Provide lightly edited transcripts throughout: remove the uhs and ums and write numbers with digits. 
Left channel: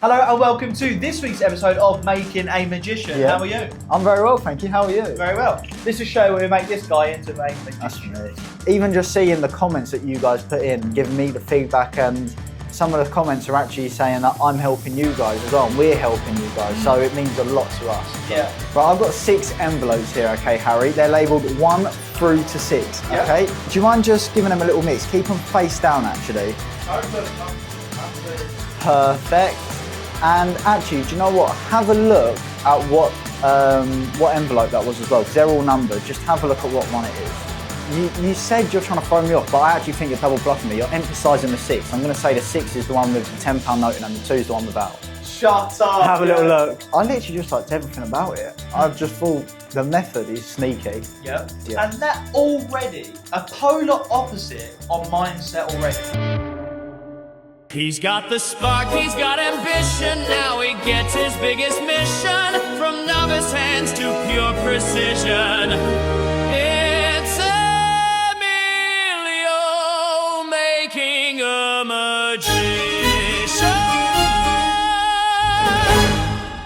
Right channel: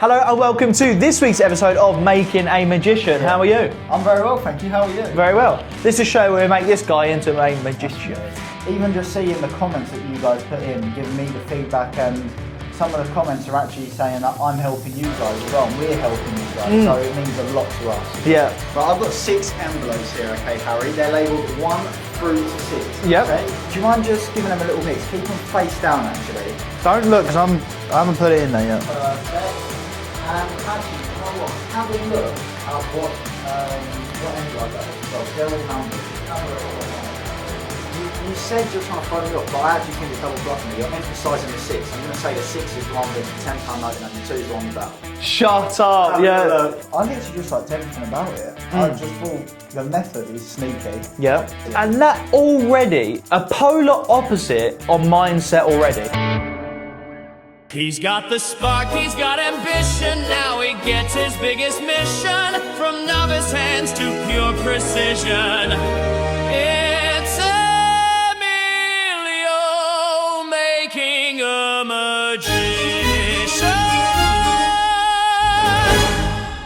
Hello and welcome to this week's episode of Making a Magician. Yeah. How are you? I'm very well, thank you. How are you? Very well. This is a show where we make this guy into a magician. Even just seeing the comments that you guys put in, giving me the feedback, and some of the comments are actually saying that I'm helping you guys as well, and we're helping you guys, so it means a lot to us. Yeah. But I've got 6 envelopes here, okay, Harry? They're labelled 1 through to 6, Yep. okay? Do you mind just giving them a little mix? Keep them face down, actually. Don't look, because I haven't put it in there yet. Perfect. And actually, do you know what? Have a look at what envelope that was as well, because they're all numbered. Just have a look at what one it is. You said you're trying to throw me off, but I actually think you're double bluffing me. You're emphasising the 6. I'm going to say the 6 is the one with the £10 note and the 2 is the one without. Shut up. Have a little look. I literally just liked everything about it. I just thought the method is sneaky. Yeah. And that already, a polar opposite on mindset already. He's got the spark, he's got ambition, now he gets his biggest mission, from novice hands to pure precision. It's Emilio making a magician.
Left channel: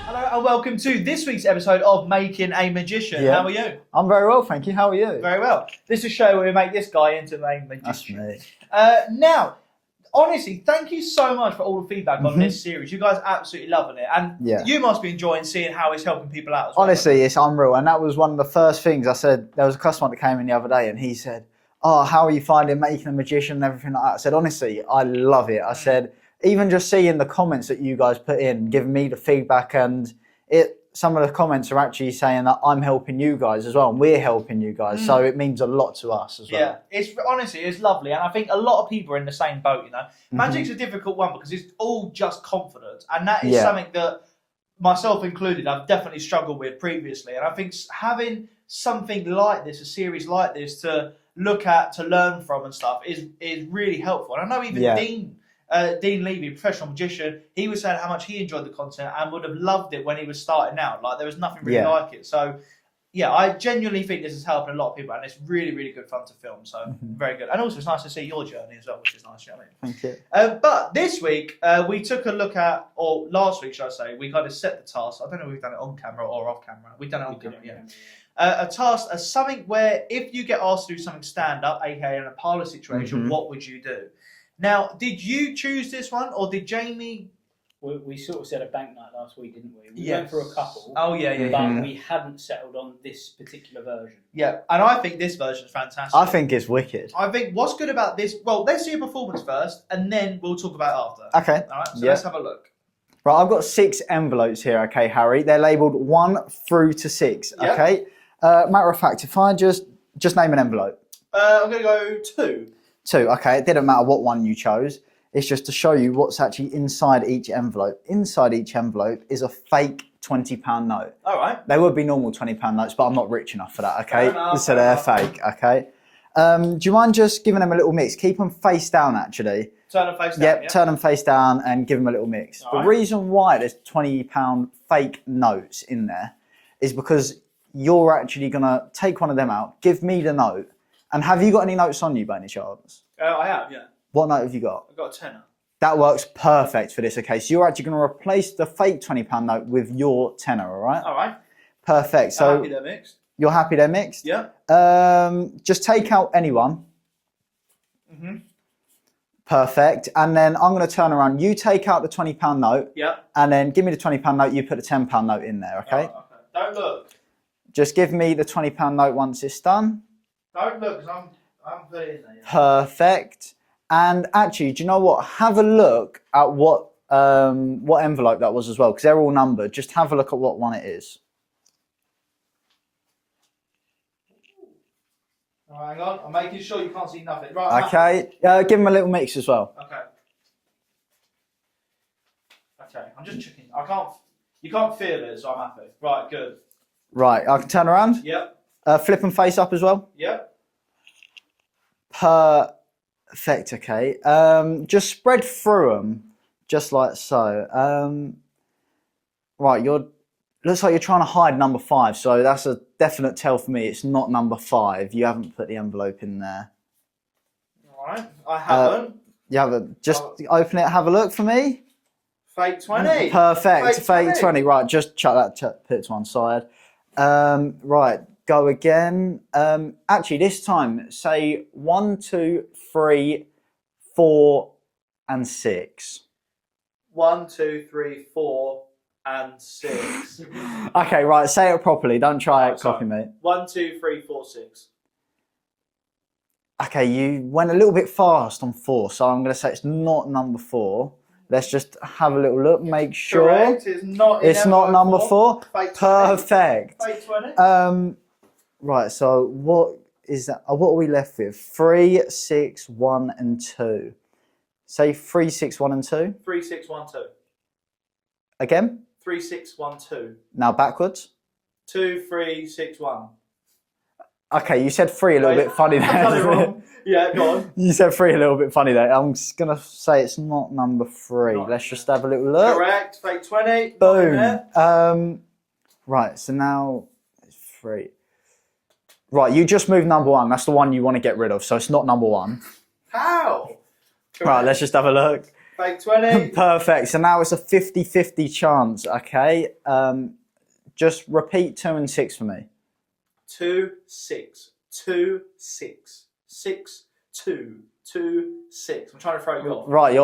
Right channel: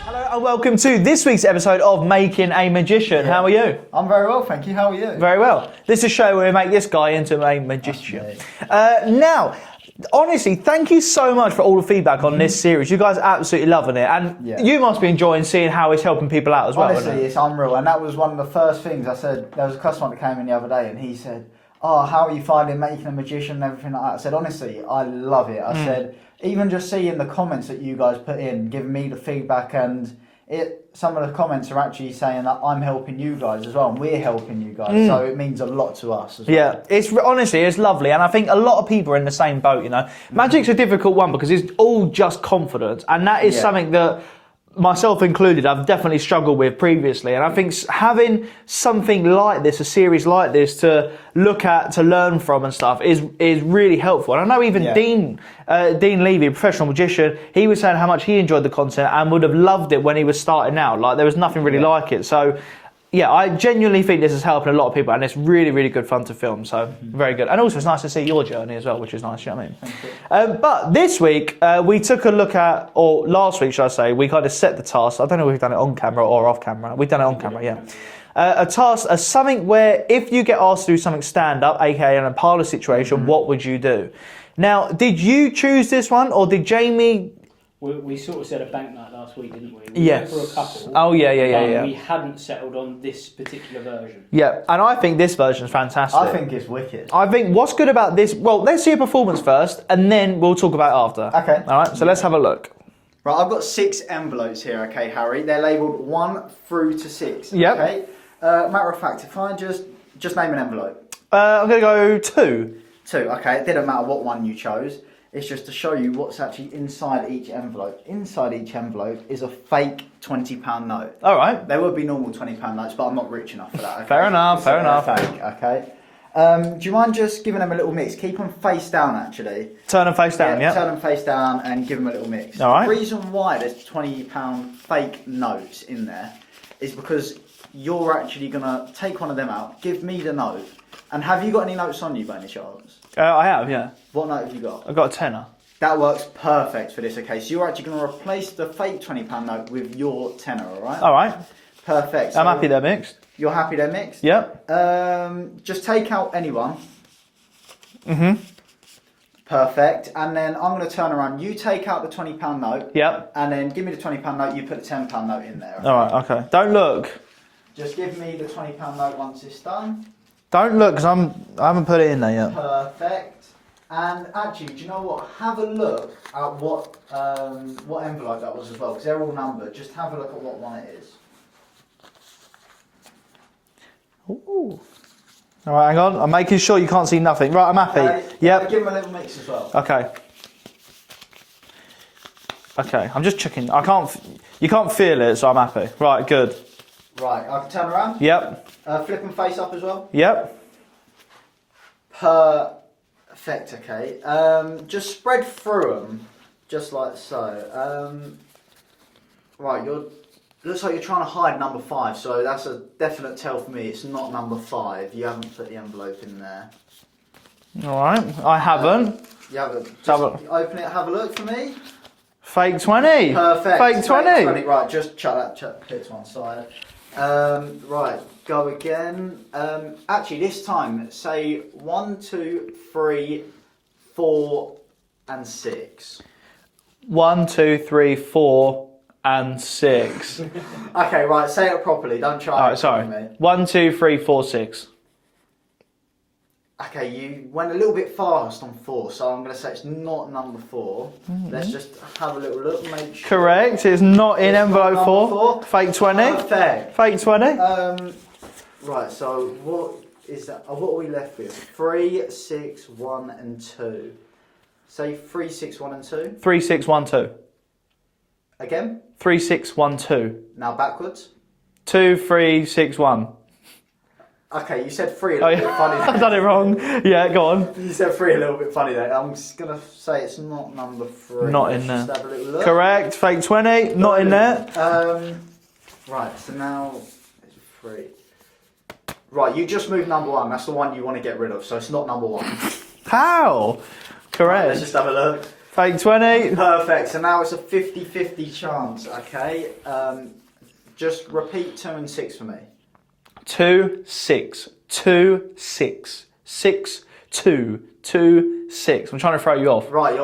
Hello and welcome to this week's episode of Making a Magician. Yeah. How are you? I'm very well, thank you. How are you? Very well. This is a show where we make this guy into a magician. Now, honestly, thank you so much for all the feedback on this series. You guys are absolutely loving it, and you must be enjoying seeing how it's helping people out as well. Honestly, it's unreal, and that was one of the first things I said. There was a customer that came in the other day, and he said, "Oh, how are you finding making a magician and everything like that?" I said, "Honestly, I love it." I said, even just seeing the comments that you guys put in, giving me the feedback, and some of the comments are actually saying that I'm helping you guys as well, and we're helping you guys, so it means a lot to us as well. Yeah, it's honestly, it's lovely, and I think a lot of people are in the same boat, you know. Magic's a difficult one because it's all just confidence, and that is something that, myself included, I've definitely struggled with previously, and I think having something like this, a series like this, to look at, to learn from and stuff, is really helpful. And I know even Dean Levy, a professional magician, he was saying how much he enjoyed the content and would have loved it when he was starting out. Like, there was nothing really like it. So, yeah, I genuinely think this is helping a lot of people, and it's really, really good fun to film. So, very good. And also, it's nice to see your journey as well, which is nice, you know what I mean? Thank you. But this week, we took a look at, or last week, should I say, we kind of set the task. I don't know if we've done it on camera or off camera. We've done it on camera, yeah. A task, something where if you get asked to do something stand-up, aka in a parlour situation, what would you do? Now, did you choose this one, or did Jamie... We sort of said a bank night last week, didn't we? Yes. We went for a couple. Oh, yeah. We hadn't settled on this particular version. Yeah, and I think this version's fantastic. I think it's wicked. I think what's good about this... Well, let's see a performance first, and then we'll talk about it after. Okay. All right, so let's have a look. Right, I've got 6 envelopes here, okay, Harry? They're labelled 1 through to 6, Yep. okay? Matter of fact, if I just name an envelope. I'm going to go 2. 2, okay, it didn't matter what one you chose. It's just to show you what's actually inside each envelope. Inside each envelope is a fake £20 note. All right. They would be normal £20 notes, but I'm not rich enough for that, okay? Fair enough, So fair they're enough. fake, okay? Do you mind just giving them a little mix? Keep them face down, actually. Turn them face down, yeah. Turn them face down and give them a little mix. All right. The reason why there's £20 fake notes in there is because you're actually going to take one of them out, give me the note, and have you got any notes on you by any chance? I have, yeah. What note have you got? I've got a tenner. That works perfect for this, okay? So you're actually going to replace the fake £20 note with your tenner, all right? All right. Perfect. I'm So happy they're mixed. you're happy they're mixed? Yep. Just take out anyone. Perfect. And then I'm going to turn around. You take out the £20 note. Yep. And then give me the £20 note. You put the £10 note in there, okay? All right, okay. Don't look. Just give me the £20 note once it's done. Don't look, because I haven't put it in there yet. Perfect. And actually, do you know what? Have a look at what envelope that was as well, because they're all numbered. Just have a look at what one it is. Ooh. All right, hang on. I'm making sure you can't see nothing. Right, I'm Okay. happy. Yeah, give them a little mix as well. Okay. Okay, I'm just checking. You can't feel it, so I'm happy. Right, good. Right, I can turn around. Yep. Flip and face up as well. Yep. Perfect, okay. Just spread through them, just like so. Right, looks like you're trying to hide number 5, so that's a definite tell for me. It's not number 5. You haven't put the envelope in there. All right, I haven't. You haven't. Just open it, have a look for me. Fake 20. Perfect. Fake 20. Right, just chuck that put to one side. Right, go again. Actually, this time, say 1, 2, 3, 4, and 6. 1, 2, 3, 4, and 6. Okay, right, say it properly. Don't try Right, it sorry. properly, mate. 1, 2, 3, 4, 6. Okay, you went a little bit fast on 4, so I'm going to say it's not number 4. Let's just have a little look, make sure. Correct. It's not in It's envelope not number 4. 4. Fake 20. Perfect. Fake 20. Right, so what is that? What are we left with? 3, 6, 1, and 2. Say 3, 6, 1, and 2. 3, 6, 1, 2. Again. 3, 6, 1, 2. Now backwards. 2, 3, 6, 1. Okay, you said 3 a little bit funny there. I've done it wrong. Yeah, go on. You said 3 a little bit funny there. I'm just going to say it's not number 3. Not in Let's just there. have a little look. Correct. Fake 20. Not in there. Right, so now it's 3. Right, you just moved number 1. That's the one you want to get rid of, so it's not number 1. How? Correct. Right, let's just have a look. Fake 20. Perfect. So now it's a 50-50 chance, okay? Just repeat 2 and 6 for me. 2, 6. 2, 6. 6, 2. 2, 6. I'm trying to throw you off. Right,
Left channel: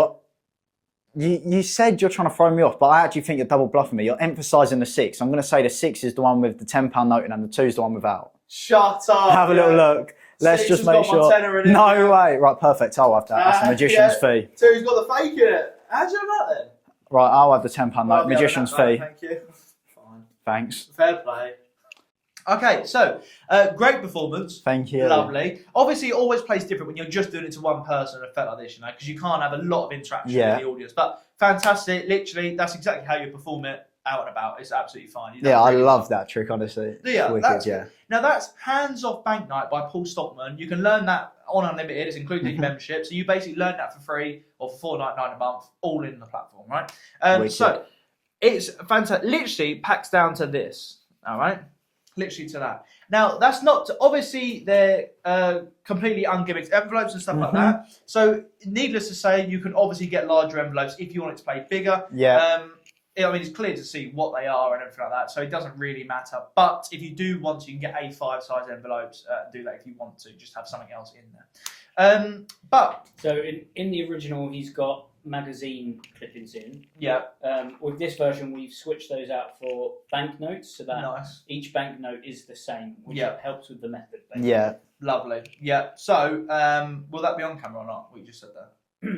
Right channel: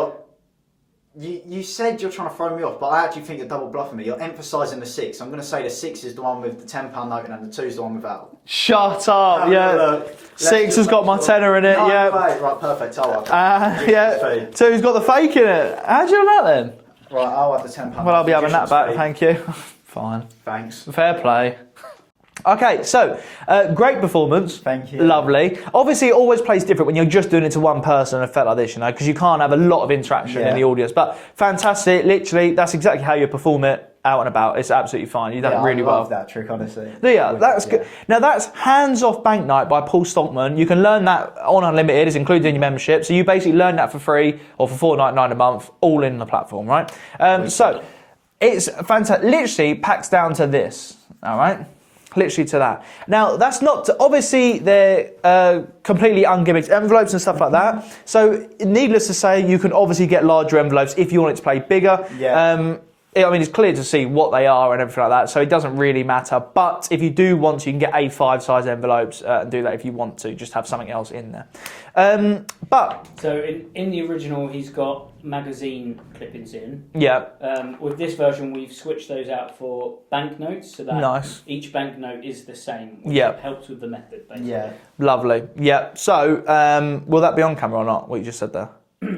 you said you're trying to throw me off, but I actually think you're double bluffing me. You're emphasising the 6. I'm going to say the 6 is the one with the £10 note and the 2 is the one without. Shut up. Have a little look. Let's 6 just has got make my sure. tenner in it. No yeah. way. Right, perfect. I'll have that. That's the magician's fee. 2's got the fake in it. How'd you know that then? Right, I'll have the £10 Well, note. I'll be having that Magician's back. fee. Thank you. Fine. Thanks. Fair play. Okay, so great performance. Thank you. Lovely. Obviously, it always plays different when you're just doing it to one person and a effect like this, you know, because you can't have a lot of interaction in the audience. But fantastic. Literally, that's exactly how you perform it out and about. It's absolutely fine. You done really I love well. that trick, honestly. Yeah, Really that's good. good. Now that's Hands Off Bank Night by Paul Stockman. You can learn that on Unlimited. It's included in your membership. So you basically learn that for free or for $4.99 a month, all in the platform, right? So it's fantastic. Literally packs down to this. All right. Literally to that. Now, that's not... obviously, they're completely ungimmicked envelopes and stuff like that. So, needless to say, you can obviously get larger envelopes if you want it to play bigger. Yeah. I mean, it's clear to see what they are and everything like that, so it doesn't really matter. But if you do want to, you can get A5 size envelopes and do that if you want to. Just have something else in there. So in the original, he's got magazine clippings in. Yeah. With this version, we've switched those out for banknotes, so that Nice. each banknote is the same, which Yeah. helps with the method. Basically. Yeah. Lovely. Yeah. So, will that be on camera or not, what you just said there?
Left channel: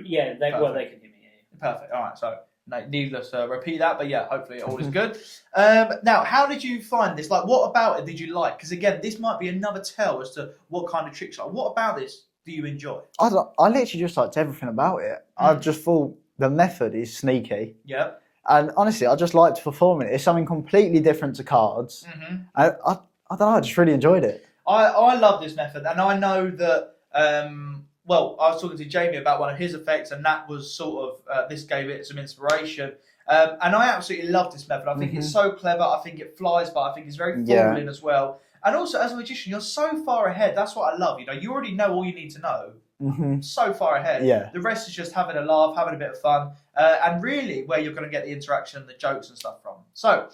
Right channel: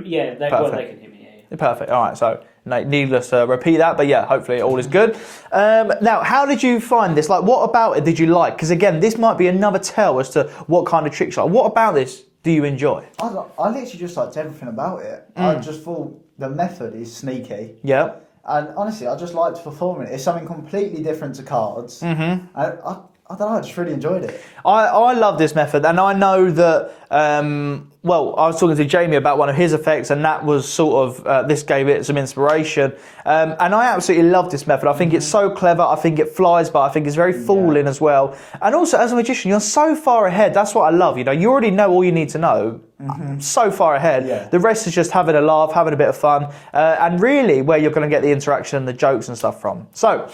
Yeah, they Perfect. can hear me. Yeah. Perfect. All right. So, needless to repeat that, but yeah, hopefully all is good. Now, how did you find this? Like, what about it did you like? Because again, this might be another tell as to what kind of tricks you like. What about this do you enjoy? I literally just liked everything about it. I just thought the method is sneaky. Yeah. And honestly, I just liked performing it. It's something completely different to cards. Mm-hmm. I don't know, I just really enjoyed it. I love this method, and I know that, well, I was talking to Jamie about one of his effects, and that was sort of, this gave it some inspiration. And I absolutely love this method. I think it's so clever, I think it flies by, I think it's very falling as well. And also, as a magician, you're so far ahead. That's what I love, you know. You already know all you need to know. So far ahead. Yeah. The rest is just having a laugh, having a bit of fun, and really where you're going to get the interaction and the jokes and stuff from. So,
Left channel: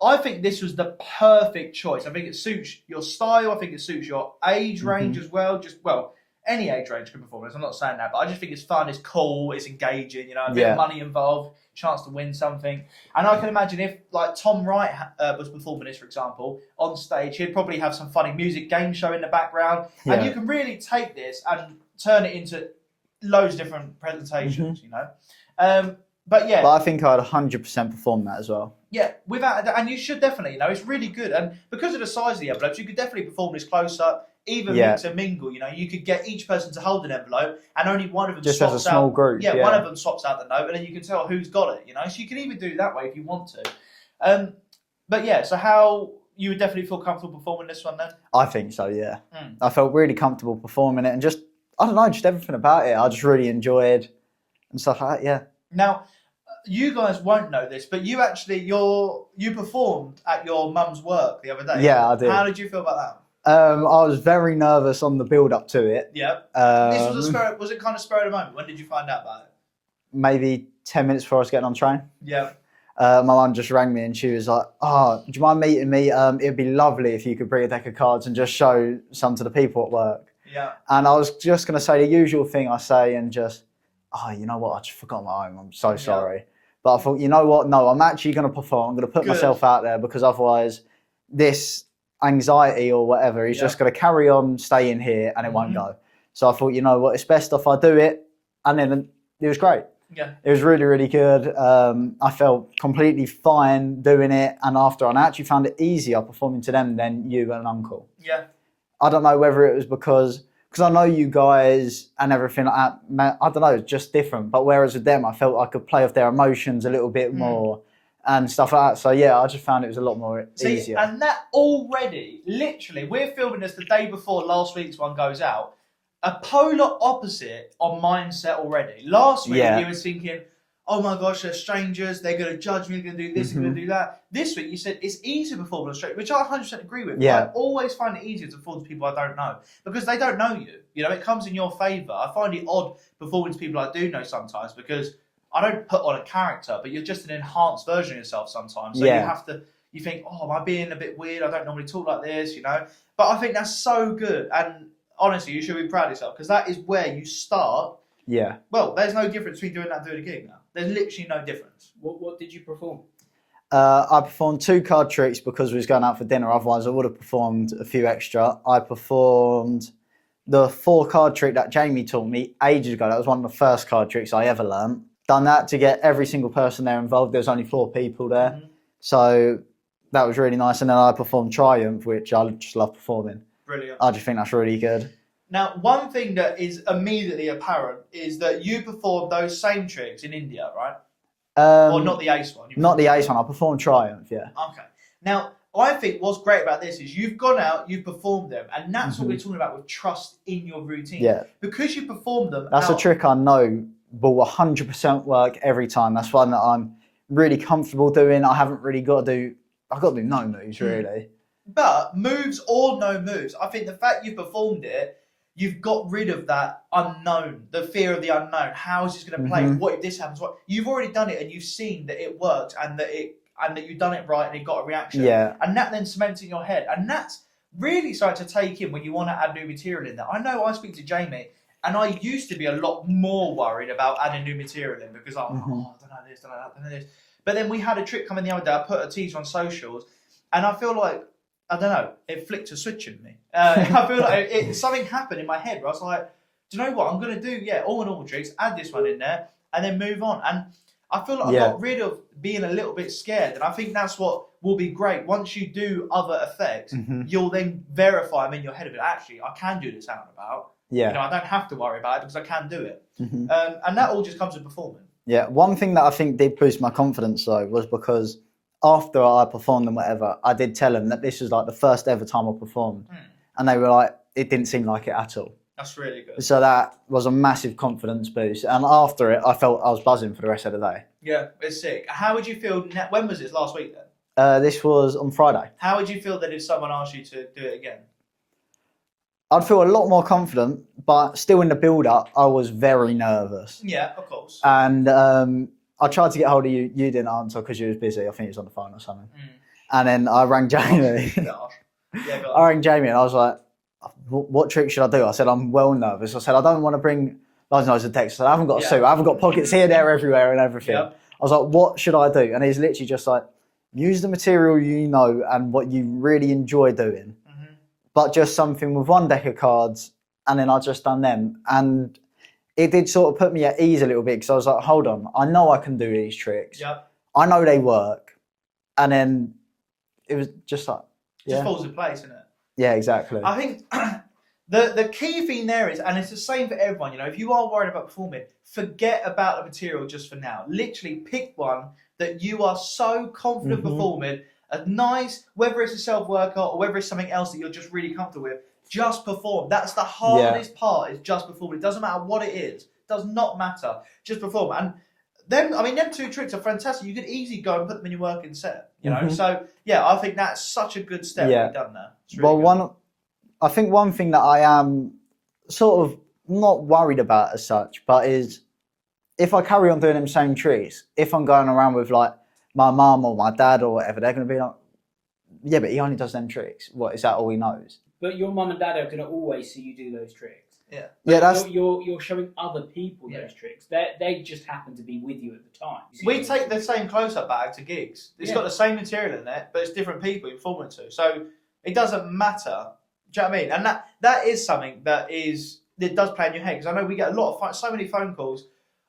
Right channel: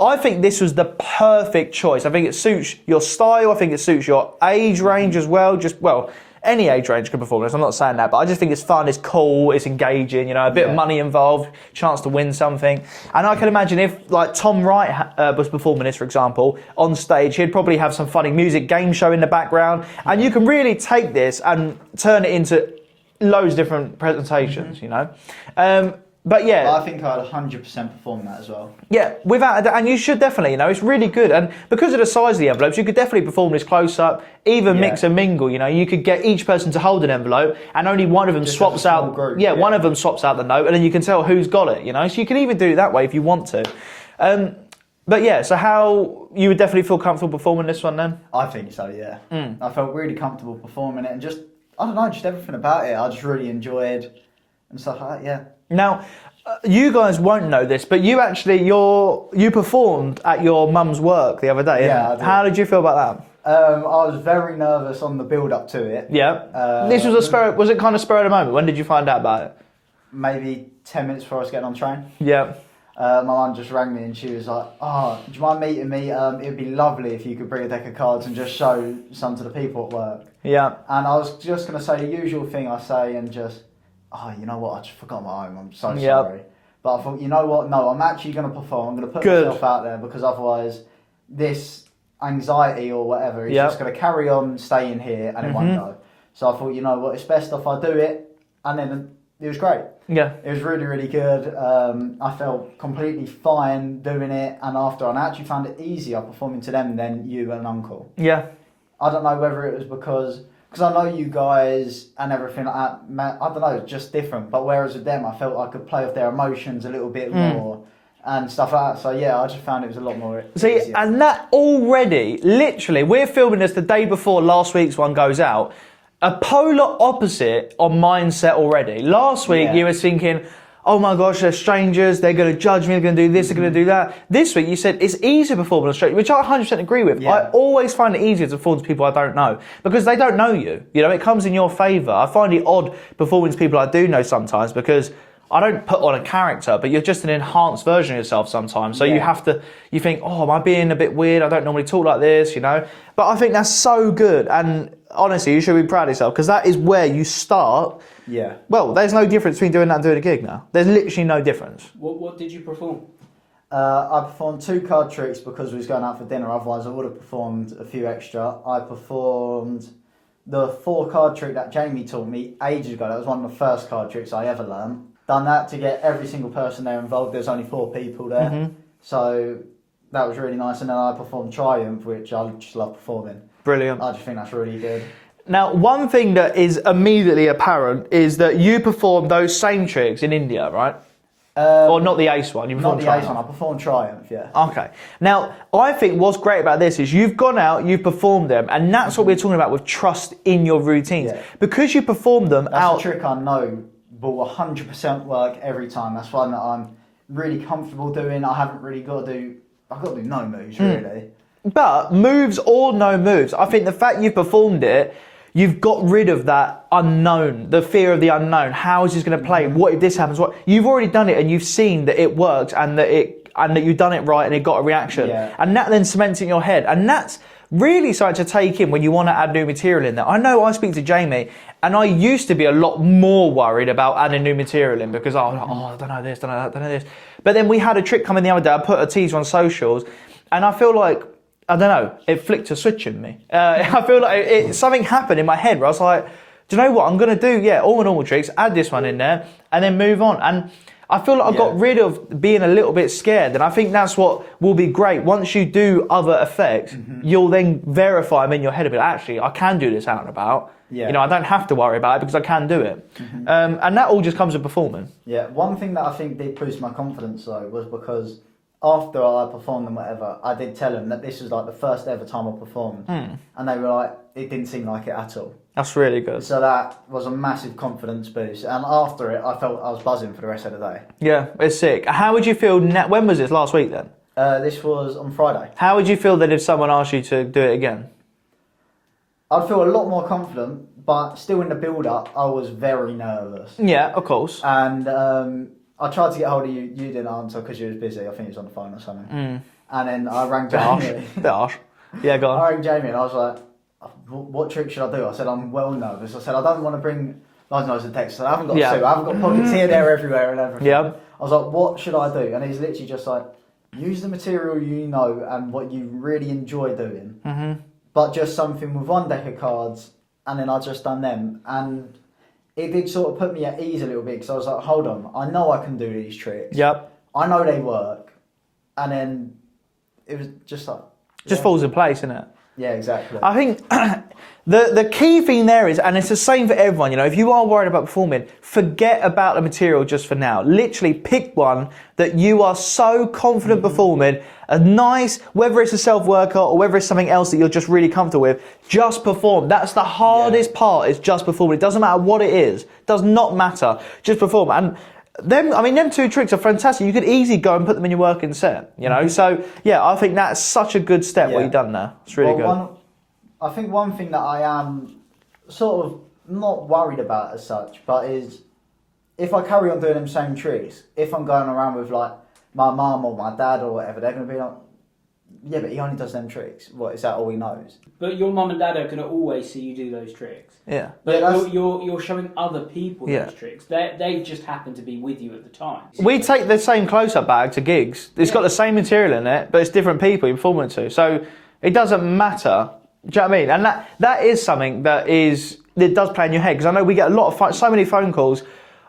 I think this was the perfect choice. I think it suits your style. I think it suits your age range as well. Any age range can perform this. I'm not saying that, but I just think it's fun, it's cool, it's engaging, you know, a bit of money involved, chance to win something. And I can imagine if, like, Tom Wright was performing this, for example, on stage, he'd probably have some funny music game show in the background. And you can really take this and turn it into loads of different presentations, you know. But yeah. But I think I'd 100% perform that as well. Yeah, without a doubt, and you should definitely, you know, it's really good. And because of the size of the envelopes, you could definitely perform this close up, even mix and mingle, you know. You could get each person to hold an envelope and only one of them Just swaps as a small out. group, one of them swaps out the note and then you can tell who's got it, you know. So you can even do it that way if you want to. But yeah, so how you would definitely feel comfortable performing this one then? I think so, yeah. I felt really comfortable performing it and just, I don't know, just everything about it. I just really enjoyed and stuff like that, yeah. Now, you guys won't know this, but you actually, you performed at your mum's work the other day. Yeah, I did. How did you feel about that? I was very nervous on the build up to it. Yeah. This was was it kind of spur of the moment? When did you find out about it? Maybe 10 minutes before I was getting on train. Yeah. My mum just rang me and she was like, "Oh, do you mind meeting me? It'd be lovely if you could bring a deck of cards and just show some to the people at work." Yeah. And I was just going to say the usual thing I say and just, "Oh, you know what? I just forgot my home. I'm so sorry." But I thought, you know what? No, I'm actually going to perform. I'm going to put myself out there because otherwise this anxiety or whatever is just going to carry on staying here and it won't go. So I thought, you know what? It's best if I do it. And then it was great. Yeah. It was really, really good. I felt completely fine doing it. And after, and I actually found it easier performing to them than you and Uncle. Yeah. I don't know whether it was because I know you guys and everything like that. I don't know, it's just different. But whereas with them, I felt I could play off their emotions a little bit more and stuff like that. So yeah, I just found it was a lot more easier. And that already, literally, we're filming this the day before last week's one goes out. A polar opposite on mindset already. Last week you were thinking, oh my gosh, they're strangers, they're going to judge me, they're going to do this, they're going to do that. This week you said it's easier to perform on a stranger, which I 100% agree with. Yeah. I always find it easier to perform to people I don't know because they don't know you. You know, it comes in your favour. I find it odd performing to people I do know sometimes because I don't put on a character, but you're just an enhanced version of yourself sometimes. So you think, oh, am I being a bit weird? I don't normally talk like this, you know? But I think that's so good. And honestly, you should be proud of yourself because that is where you start. Yeah. Well, there's no difference between doing that and doing a gig now. There's literally no difference. What did you perform? I performed 2 card tricks because we was going out for dinner. Otherwise, I would have performed a few extra. I performed the 4 card trick that Jamie taught me ages ago. That was one of the first card tricks I ever learned. Done that to get every single person there involved. There's only 4 people there. So that was really nice. And then I performed Triumph, which I just love performing. Brilliant. I just think that's really good. Now, one thing that is immediately apparent is that you performed those same tricks in India, right? Or not the Ace one? Not the Ace one. I performed Triumph, yeah. Okay. Now, I think what's great about this is you've gone out, you've performed them, and that's what we're talking about with trust in your routines. Yeah. Because you performed them That's a trick I know will 100% work every time. That's one that I'm really comfortable doing. I haven't really got to do... I've got to do no moves, really. But moves or no moves, I think the fact you've performed it, you've got rid of that unknown, the fear of the unknown. How is this going to play? What if this happens? What? You've already done it and you've seen that it works and that you've done it right and it got a reaction. Yeah. And that then cements in your head. And that's really something to take in when you want to add new material in there. I know I speak to Jamie and I used to be a lot more worried about adding new material in because I was like, I don't know this, don't know that, don't know this. But then we had a trick come in the other day. I put a teaser on socials and I feel like, I don't know, it flicked a switch in me. I feel like something happened in my head where I was like, do you know what I'm going to do? Yeah, all my normal tricks, add this one in there, and then move on. And I feel like I got rid of being a little bit scared. And I think that's what will be great. Once you do other effects, you'll then verify them in your head a bit. Actually, I can do this out and about. Yeah. You know, I don't have to worry about it because I can do it. And that all just comes with performing. Yeah, one thing that I think did boost my confidence, though, was because... after I performed and whatever, I did tell them that this was like the first ever time I performed. And they were like, it didn't seem like it at all. That's really good. So that was a massive confidence boost. And after it, I felt I was buzzing for the rest of the day. Yeah, it's sick. How would you feel, when was this, last week then? This was on Friday. How would you feel that if someone asked you to do it again? I'd feel a lot more confident, but still in the build-up, I was very nervous. Yeah, of course. And I tried to get hold of you. You didn't answer because you was busy. I think you was on the phone or something. And then I rang Jamie. Bit harsh. Yeah, go on. I rang Jamie and I was like, what trick should I do? I said, I'm well nervous. I said, I don't want to bring loads of text. I said, I haven't got a suit. I haven't got pockets here, there, everywhere and everything. Yeah. I was like, what should I do? And he's literally just like, use the material you know and what you really enjoy doing. But just something with 1 deck of cards. And then I just done them. And it did sort of put me at ease a little bit because I was like, hold on, I know I can do these tricks. Yep. I know they work. And then it was just like... Just falls in place, innit? Yeah, exactly. I think the key thing there is, and it's the same for everyone, you know, if you are worried about performing, forget about the material just for now. Literally pick one that you are so confident performing, a nice, whether it's a self-workout or whether it's something else that you're just really comfortable with, just perform. That's the hardest part, is just performing. It doesn't matter what it is. It does not matter. Just perform. And them 2 tricks are fantastic. You could easily go and put them in your working set, you know? So, yeah, I think that's such a good step what you've done there. It's really good. I think one thing that I am sort of not worried about as such, but is if I carry on doing them same tricks, if I'm going around with like my mum or my dad or whatever, they're going to be like, yeah, but he only does them tricks. What, is that all he knows? But your mum and dad are going to always see you do those tricks. Yeah. But you're showing other people those tricks. They just happen to be with you at the time. We take the same close-up bag to gigs. It's got the same material in it, but it's different people you're performing to. So it doesn't matter. Do you know what I mean? And that is something that does play in your head, because I know we get a lot of so many phone calls.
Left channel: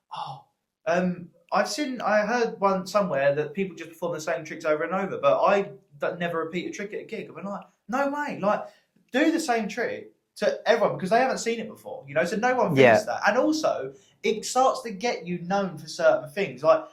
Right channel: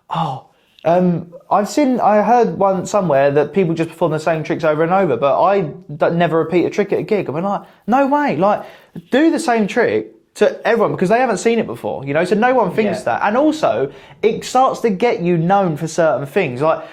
I heard one somewhere that people just perform the same tricks over and over, but I never repeat a trick at a gig. I'm like, no way. Like, do the same trick to everyone, because they haven't seen it before, you know, so no one thinks that. And also, it starts to get you known for certain things. Like,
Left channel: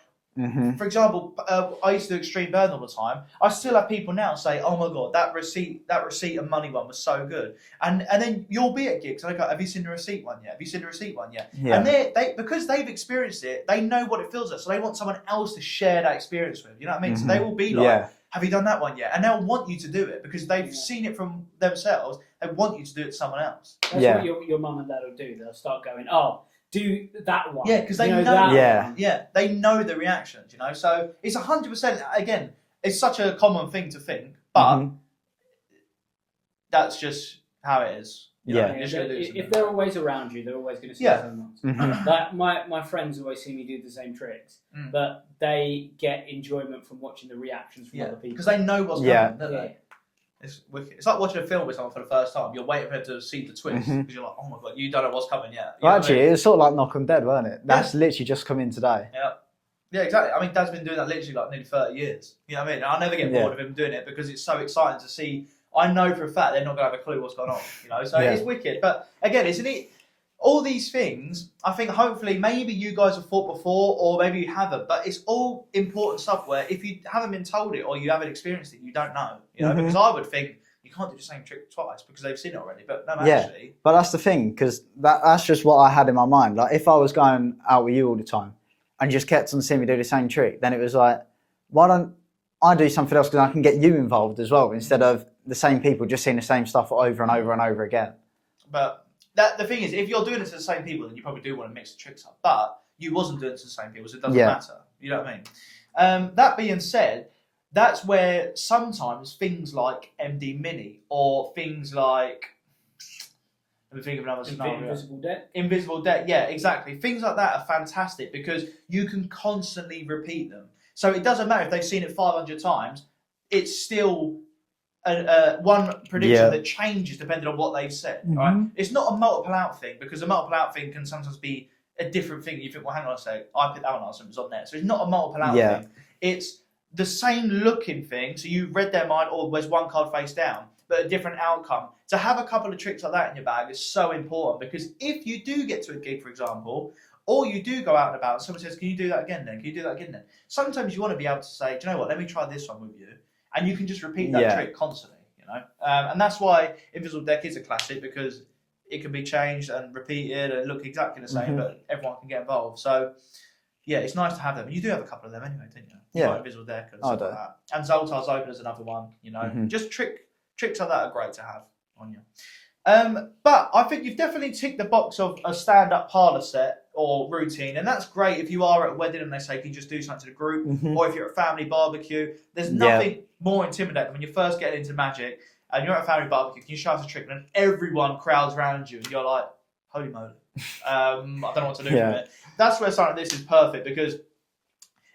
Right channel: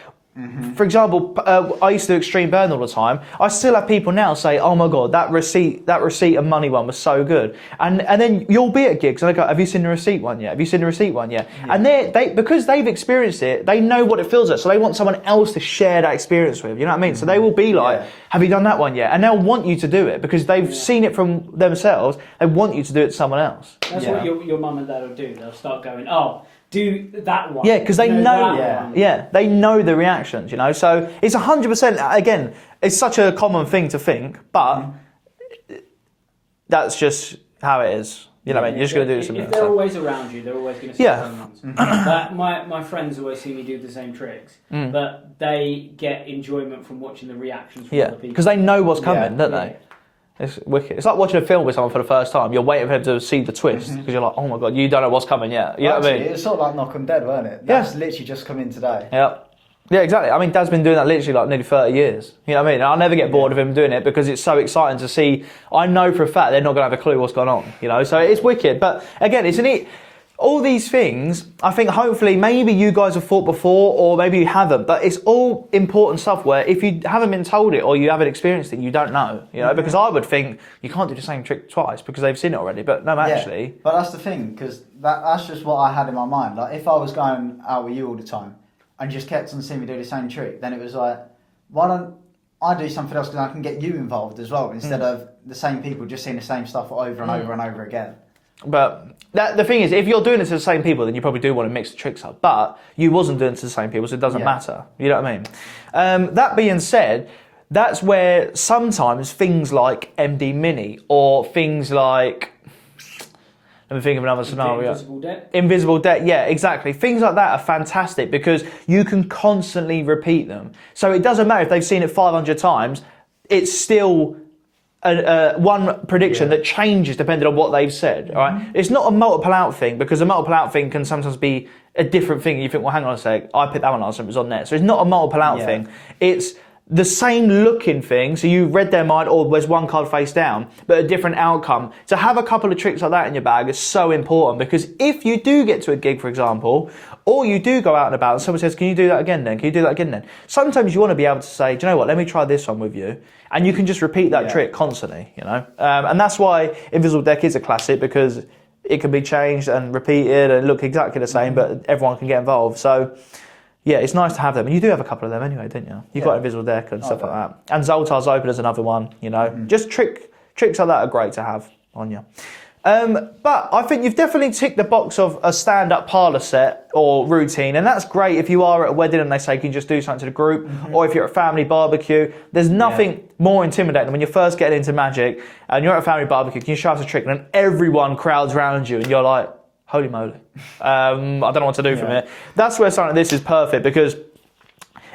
for example, I used to do extreme burn all the time. I still have people now say, "Oh my god, that receipt and money one was so good." And then you'll be at gigs and I go, "Have you seen the receipt one yet? Have you seen the receipt one yet?" And they because they've experienced it, they know what it feels like. So they want someone else to share that experience with. You know what I mean? So they will be like, "Have you done that one yet?" And they'll want you to do it because they've seen it from themselves. They want you to do it to someone else. That's what your mum and dad will do. They'll start going, "Oh, do that one." Yeah, because they know. They know the reactions. You know, so it's 100%. Again, it's such a common thing to think, but that's just how it is. You know, you're just going to do something. If they're always around you, they're always going to see something else. Like my friends always see me do the same tricks, but they get enjoyment from watching the reactions from other people. Because they know what's coming, don't they? It's wicked. It's like watching a film with someone for the first time. You're waiting for them to see the twist because you're like, oh my god, you don't know what's coming yet. You know Actually, what I mean? it's sort of like Knock 'em Dead, weren't it? That's literally just come in today. Yeah, exactly. I mean, Dad's been doing that literally like nearly 30 years. You know what I mean? And I'll never get bored of him doing it because it's so exciting to see. I know for a fact they're not going to have a clue what's going on. You know, so it's wicked. But again, isn't it? All these things, I think hopefully maybe you guys have thought before or maybe you haven't, but it's all important stuff where if you haven't been told it or you haven't experienced it, you don't know, you know, because I would think you can't do the same trick twice because they've seen it already, but no, actually. But that's the thing, because that's just what I had in my mind. Like, if I was going out with you all the time and just kept on seeing me do the same trick, then it was like, why don't I do something else because I can get you involved as well instead of the same people just seeing the same stuff over and over and over again. But the thing is, if you're doing it to the same people, then you probably do want to mix the tricks up. But you wasn't doing it to the same people, so it doesn't matter. You know what I mean? That being said, that's where sometimes things like MD Mini or things like... Let me think of another scenario. Invisible Deck, yeah, exactly. Things like that are fantastic because you can constantly repeat them. So it doesn't matter if they've seen it 500 times, it's still... one prediction that changes depending on what they've said. Right? It's not a multiple out thing because a multiple out thing can sometimes be a different thing. You think, well, hang on a sec, I picked that one last time, it was on there. So it's not a multiple out thing. It's the same looking thing. So you read their mind, or there's one card face down, but a different outcome. To have a couple of tricks like that in your bag is so important because if you do get to a gig, for example, or you do go out and about and someone says, can you do that again then? Can you do that again then? Sometimes you want to be able to say, do you know what, let me try this one with you. And you can just repeat that trick constantly, you know? And that's why Invisible Deck is a classic because it can be changed and repeated and look exactly the same, but everyone can get involved. So, yeah, it's nice to have them. And you do have a couple of them anyway, didn't you? You've got Invisible Deck and stuff like that. And Zoltar's Open is another one, you know? Just tricks like that are great to have on you. But I think you've definitely ticked the box of a stand-up parlour set or routine, and that's great if you are at a wedding and they say, can you just do something to the group? Or if you're at a family barbecue, there's nothing more intimidating than when you're first getting into magic and you're at a family barbecue, can you show us a trick? And then everyone crowds around you and you're like, holy moly. I don't know what to do from it. That's where something like this is perfect because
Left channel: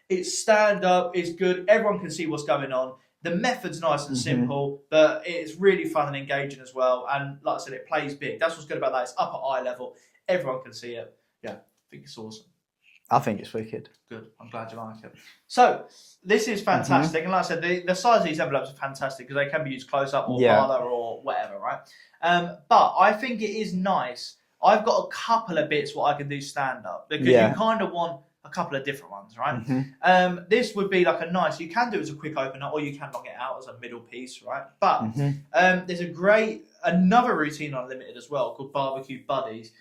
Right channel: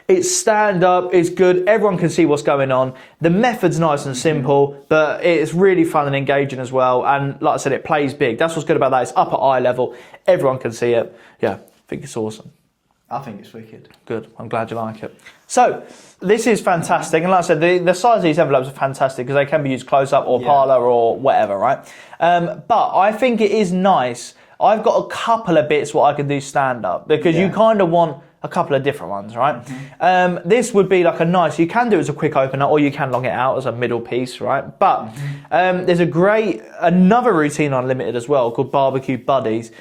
it's stand-up, it's good, everyone can see what's going on. The method's nice and simple, but it's really fun and engaging as well. And like I said, it plays big. That's what's good about that. It's up at eye level. Everyone can see it. Yeah, I think it's awesome. I think it's wicked. Good. I'm glad you like it. So, this is fantastic. And like I said, the size of these envelopes are fantastic because they can be used close-up or parlour or whatever, right? But I think it is nice. I've got a couple of bits what I can do stand-up because you kind of want a couple of different ones, right? This would be like a nice, you can do it as a quick opener or you can long it out as a middle piece, right? But there's another routine on Unlimited as well called Barbecue Buddies.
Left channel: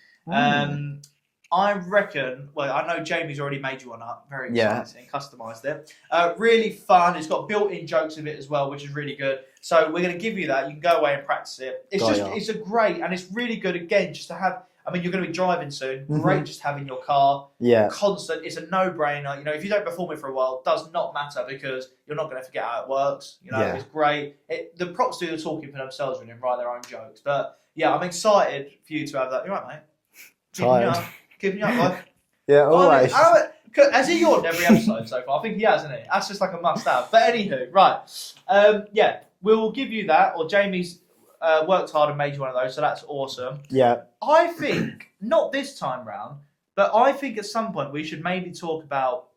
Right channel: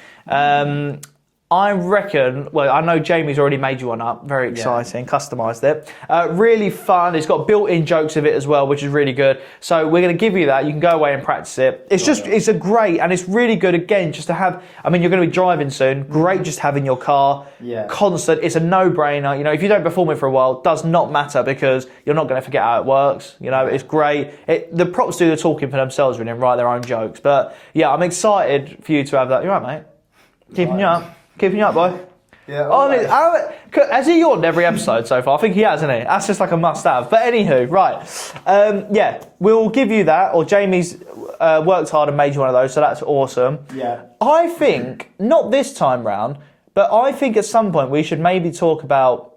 I reckon, well, I know Jamie's already made you one up. Very exciting. Customised it. Really fun. It's got built-in jokes of it as well, which is really good. So we're going to give you that. You can go away and practice it. It's it's a great, and it's really good, again, just to have, I mean, you're going to be driving soon. Great just having your car. Yeah. Constant. It's a no-brainer. You know, if you don't perform it for a while, it does not matter because you're not going to forget how it works. You know, it's great. The props do the talking for themselves really and write their own jokes. But yeah, I'm excited for you to have that. You're right, mate. Keeping you up. Keeping you up, boy. Yeah, always. Has he yawned every episode so far? I think he has, hasn't he? That's just like a must-have. But anywho, right. Yeah, we'll give you that. Or Jamie's worked hard and made you one of those, so that's awesome. Yeah. I think, not this time round, but I think at some point we should maybe talk about,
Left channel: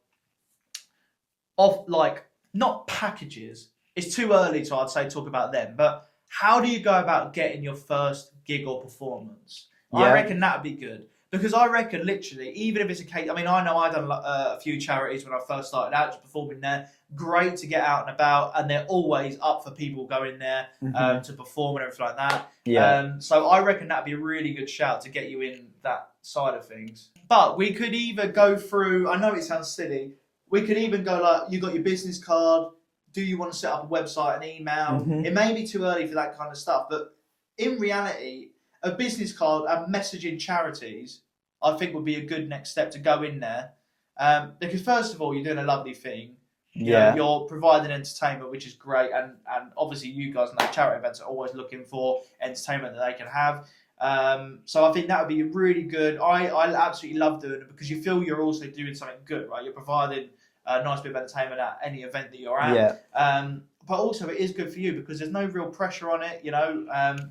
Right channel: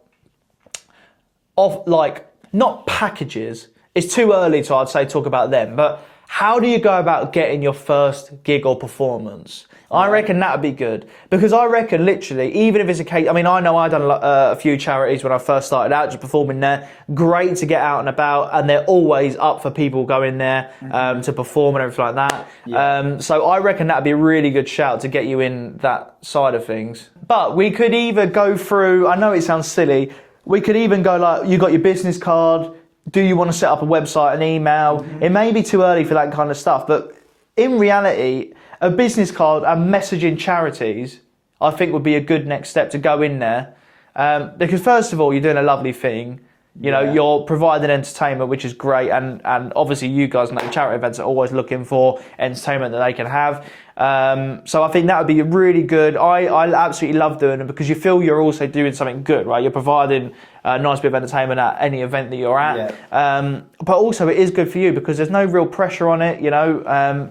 not packages. It's too early to, I'd say, talk about them. But how do you go about getting your first gig or performance? I reckon that would be good. Because I reckon, literally, even if it's a case... I mean, I know I've done a few charities when I first started out, just performing there. Great to get out and about, and they're always up for people going there to perform and everything like that. Yeah. So I reckon that would be a really good shout to get you in that side of things. But we could either go through... I know it sounds silly. We could even go like, you got your business card. Do you want to set up a website, an email? It may be too early for that kind of stuff, but in reality... A business card and messaging charities, I think, would be a good next step to go in there. Because first of all, you're doing a lovely thing. You know, you're providing entertainment, which is great. And obviously you guys know charity events are always looking for entertainment that they can have. So I think that would be really good. I absolutely love doing it because you feel you're also doing something good, right? You're providing a nice bit of entertainment at any event that you're at. But also it is good for you because there's no real pressure on it, you know.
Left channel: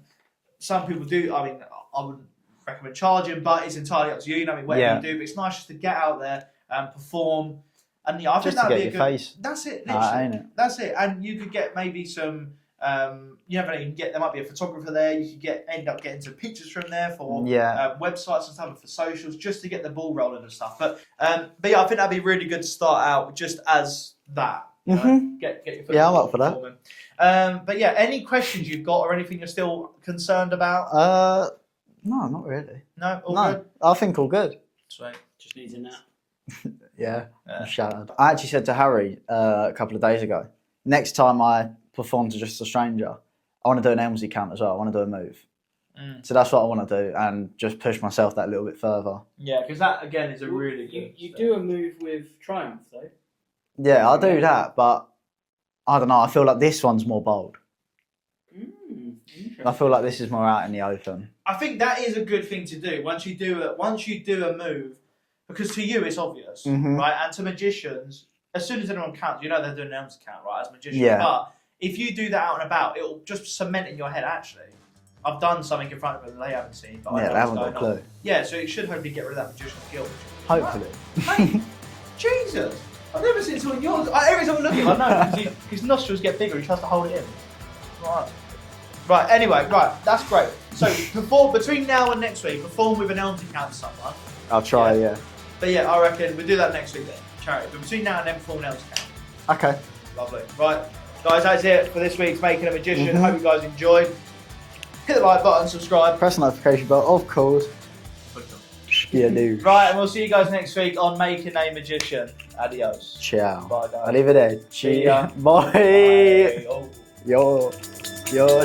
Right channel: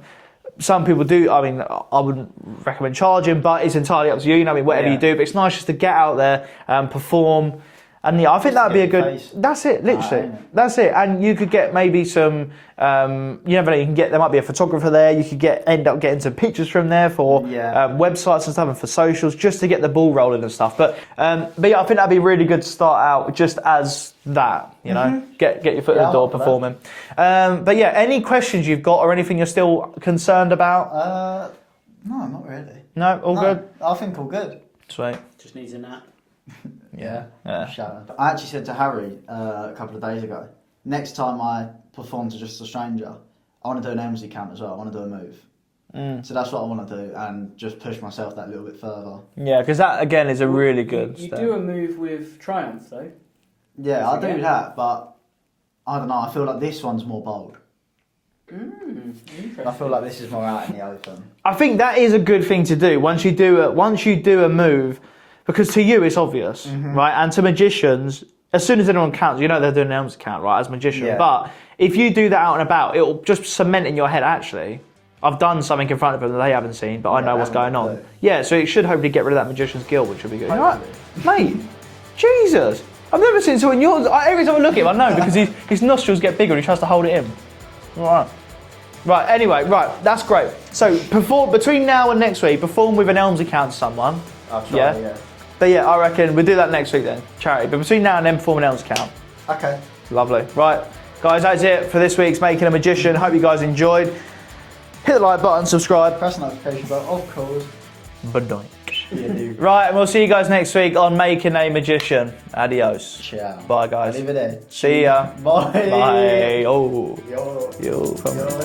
Some people do, I mean, I wouldn't recommend charging, but it's entirely up to you, I mean, whatever you do. But it's nice just to get out there and perform. And yeah, I think that would be a good... Face. That's it, literally. That's it. And you could get maybe some... you never know, you can get... There might be a photographer there. You could end up getting some pictures from there for websites and stuff and for socials, just to get the ball rolling and stuff. But yeah, I think that'd be really good to start out just as that, you know, get your foot in the door performing. But yeah, any questions you've got or anything you're still concerned about? No, not really. No, all good? I think all good. Sweet. Just needs a nap. Yeah. Shattered. I actually said to Harry a couple of days ago, next time I perform to Just a Stranger, I want to do an Elmsley count as well. I want to do a move. So that's what I want to do and just push myself that little bit further. Yeah, because that, again, is a really good You step. do a move with Triumph, though. Yeah, I do that, but I don't know. I feel like this one's more bold. I feel like this is more out in the open. I think that is a good thing to do once you do a move, because to you it's obvious, right? And to magicians, as soon as anyone counts, you know they're doing an Elms count, right? As magicians, but if you do that out and about, it'll just cement in your head. Actually, I've done something in front of them that they haven't seen, but I know what's going on. Yeah, so it should hopefully get rid of that magician's guilt, which would be good. Hopefully. Mate, Jesus. I've never seen someone yawn. Every time I look at him, I know because his nostrils get bigger and he tries to hold it in. All right. Anyway, that's great. So between now and next week, perform with an Elms account to someone. I'll try, yeah. But yeah, I reckon we'll do that next week then, charity. But between now and then, perform an Elms account. Okay. Lovely. Right, guys, that's it for this week's Making a Magician. Hope you guys enjoyed. Hit the like button, subscribe. Press the notification bell, of course. Bye-bye. Yeah, dude. Right, and we'll see you guys next week on Making a Magician. Adios. Ciao. Bye, guys. Arrivederci. See ya. Bye. Bye. Oh. Yo,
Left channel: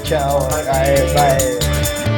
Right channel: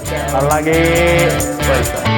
ciao. Unlucky.